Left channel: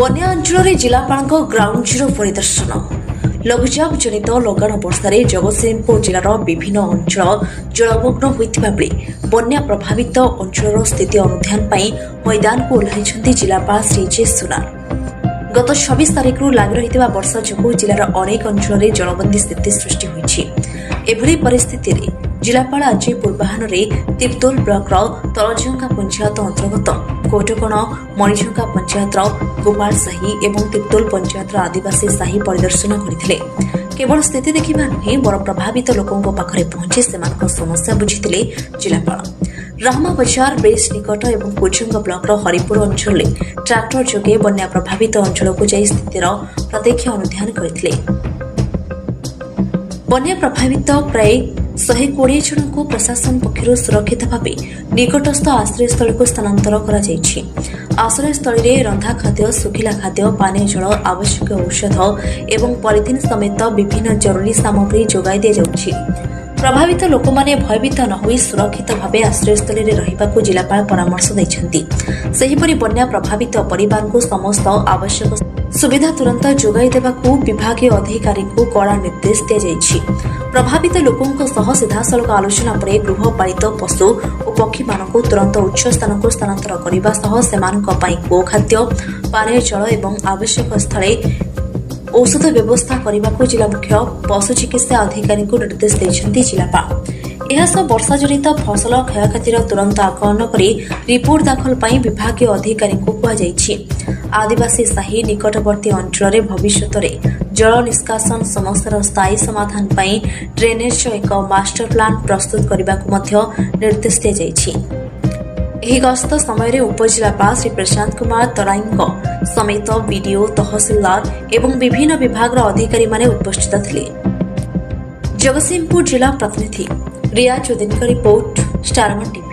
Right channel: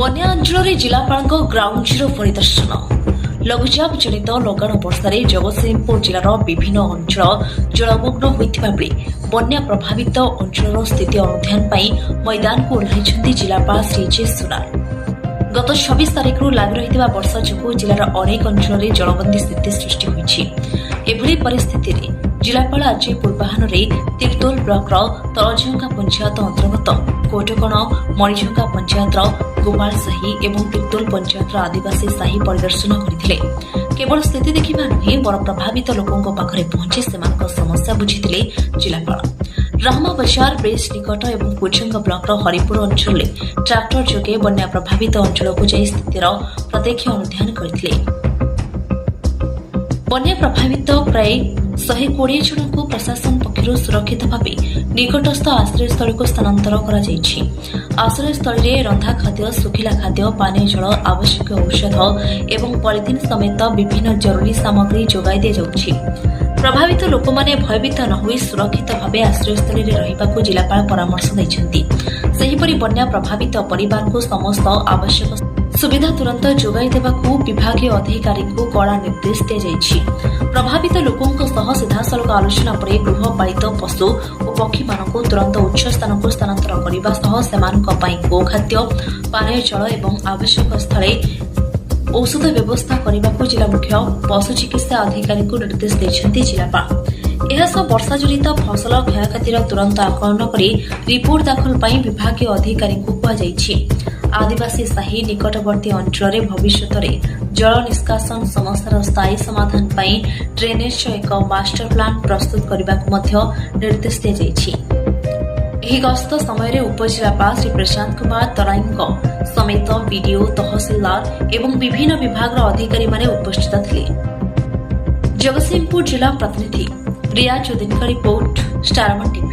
ବନ୍ୟା ଅଞ୍ଚଳରେ ଜିଲ୍ଲାପାଳଙ୍କ ଗ୍ରାଉଣ୍ଡ ଜିରୋ ପରିଦର୍ଶନ। ଲଘୁଚାପ ଜନିତ ଲଗାଣ ବର୍ଷାରେ ଜଗତସିଂହପୁର ଜିଲ୍ଲାର ବିଭିନ୍ନ ଅଞ୍ଚଳ ଜଳମଗ୍ନ ହୋଇଥିବା ବେଳେ ବନ୍ୟା ପ୍ରଭାବିତ ଅଞ୍ଚଳର ସ୍ଥିତି ଅନୁଧ୍ୟାନ ପାଇଁ ମଇଦାନକୁ ଓହ୍ଲାଇଛନ୍ତି ଜିଲ୍ଲାପାଳ ଶ୍ରୀ ଜେ ସୁନାର। ଗତ 26 ତାରିଖରୁ ଲାଗି ରହିଥିବା ବର୍ଷା ଯୋଗୁଁ ଜିଲ୍ଲାର ଅନେକ ଅଞ୍ଚଳରେ ଜଳବନ୍ଦୀ ସ୍ଥିତି ସୃଷ୍ଟି ହୋଇଛି। ଏଭଳି ପରିସ୍ଥିତିରେ ଜିଲ୍ଲାପାଳ ଆଜି ପୂର୍ବାହ୍ନରେ ତିର୍ତ୍ତୋଲ ବ୍ଲକର ତଳଜଙ୍ଗା ପଞ୍ଚାୟତ ଅନ୍ତର୍ଗତ କୋଟକଣ ମଣିଜଙ୍ଗା ପଞ୍ଚାୟତର ଗୋପାଳ ସାହି ଏବଂ ତିର୍ତ୍ତୋଲ ପଞ୍ଚାୟତର ଆଦିବାସୀ ସାହି ପରିଦର୍ଶନ କରିଥିଲେ। କେବଳ ସ୍ଥିତି ଦେଖିବା ନୁହେଁ, ବଡ଼ ପ୍ରଭାବିତ ଲୋକଙ୍କ ପାଖରେ ପହଞ୍ଚି ସେମାନଙ୍କ ସମସ୍ୟା ବୁଝିଥିଲେ ଜିଲ୍ଲାପାଳ। ରାହମା ବଜାର ବ୍ରିଜ ନିକଟ ଏବଂ କୁଜଙ୍ଗ ବ୍ଲକର ହରିପୁର ଅଞ୍ଚଳରେ ଟ୍ରାକ୍ଟର ଯୋଗେ ବନ୍ୟା ପ୍ରଭାବିତ ଅଞ୍ଚଳକୁ ଯାଇ ସ୍ଥିତିର ପ୍ରତ୍ୟକ୍ଷ ଅନୁଧ୍ୟାନ କରିଥିଲେ। ବନ୍ୟା ପ୍ରଭାବିତ ପ୍ରାୟ 120 ଜଣଙ୍କୁ ପ୍ରଶାସନ ପକ୍ଷରୁ ସୁରକ୍ଷିତ ଭାବେ ନିକଟସ୍ଥ ଆଶ୍ରୟସ୍ଥଳୀକୁ ସ୍ଥାନାନ୍ତର କରାଯାଇଛି। ଆଶ୍ରୟସ୍ଥଳୀରେ ରନ୍ଧା ଖାଦ୍ୟ, ଶୁଖିଲା ଖାଦ୍ୟ, ପାନୀୟ ଜଳ, ଆବଶ୍ୟକ ଔଷଧ ଏବଂ ପଲିଥିନ୍ ସମେତ ବିଭିନ୍ନ ଜରୁରୀ ସାମଗ୍ରୀ ଯୋଗାଇ ଦିଆଯାଉଛି। ପ୍ରଭାବିତ ଲୋକମାନେ ଭୟଭୀତ ନ ହୋଇ ସୁରକ୍ଷିତ ଭାବେ ଆଶ୍ରୟସ୍ଥଳୀରେ ରହିବାକୁ ଜିଲ୍ଲାପାଳ ପରାମର୍ଶ ଦେଇଛନ୍ତି। ସେହିପରି ବନ୍ୟା ପ୍ରଭାବିତ ପରିବାରଙ୍କୁ ସମସ୍ତ ଆବଶ୍ୟକ ସୁବିଧା ତୁରନ୍ତ ଯୋଗାଇ ଦେବାକୁ ବିଭାଗୀୟ ଅଧିକାରୀଙ୍କୁ କଡ଼ା ନିର୍ଦ୍ଦେଶ ଦିଆଯାଇଛି। ପ୍ରଭାବିତ ଲୋକଙ୍କ ସହ ସିଧାସଳଖ ଆଲୋଚନା ପରେ ଗୃହପାଳିତ ପଶୁ ଓ ପକ୍ଷୀମାନଙ୍କୁ ତୁରନ୍ତ ଉଚ୍ଚ ସ୍ଥାନକୁ ସ୍ଥାନାନ୍ତର କରିବା ସହ ସେମାନଙ୍କ ପାଇଁ ଗୋଖାଦ୍ୟ, ପାନୀୟ ଜଳ ଏବଂ ଆବଶ୍ୟକ ସ୍ଥଳେ ଔଷଧ ବ୍ୟବସ୍ଥା କରିବାକୁ ଜିଲ୍ଲା ମୁଖ୍ୟ ପଶୁ ଚିକିତ୍ସା ଅଧିକାରୀଙ୍କୁ ନିର୍ଦ୍ଦେଶ ଦେଇଛନ୍ତି ଜିଲ୍ଲାପାଳ। ଏହାସହ ବର୍ଷା ଜନିତ ଫସଲ କ୍ଷୟକ୍ଷତିର ତୁରନ୍ତ ଆକଳନ କରି ରିପୋର୍ଟ ଦାଖଲ ପାଇଁ ବିଭାଗୀୟ ଅଧିକାରୀଙ୍କୁ କୁହାଯାଇଛି। ଆଦିବାସୀ ସାହି ନିକଟବର୍ତ୍ତୀ ଅଞ୍ଚଳରେ ଭବିଷ୍ୟତରେ ଜଳ ନିଷ୍କାସନ ସମସ୍ୟାର ସ୍ଥାୟୀ ସମାଧାନ ପାଇଁ ଡ୍ରେନେଜର ଏକ ମାଷ୍ଟର ପ୍ଲାନ୍ ପ୍ରସ୍ତୁତ କରିବାକୁ ମଧ୍ୟ ନିର୍ଦ୍ଦେଶ ଦିଆଯାଇଛି। ଏହି ଗସ୍ତ ସମୟରେ ଉପଜିଲ୍ଲାପାଳ ଶ୍ରୀ ପ୍ରଶାନ୍ତ କୁମାର ତରାଇଙ୍କ ସମେତ ବିଡିଓ, ତହସିଲଦାର ଏବଂ ବିଭିନ୍ନ ବିଭାଗର ଅଧିକାରୀମାନେ ଉପସ୍ଥିତ ଥିଲେ। ଜଗତସିଂହପୁର ଜିଲ୍ଲା ପ୍ରତିନିଧି ରିୟାଜ ଉଦ୍ଦିନଙ୍କ ରିପୋର୍ଟ, ଷ୍ଟାରମନ୍ ଟିଭି।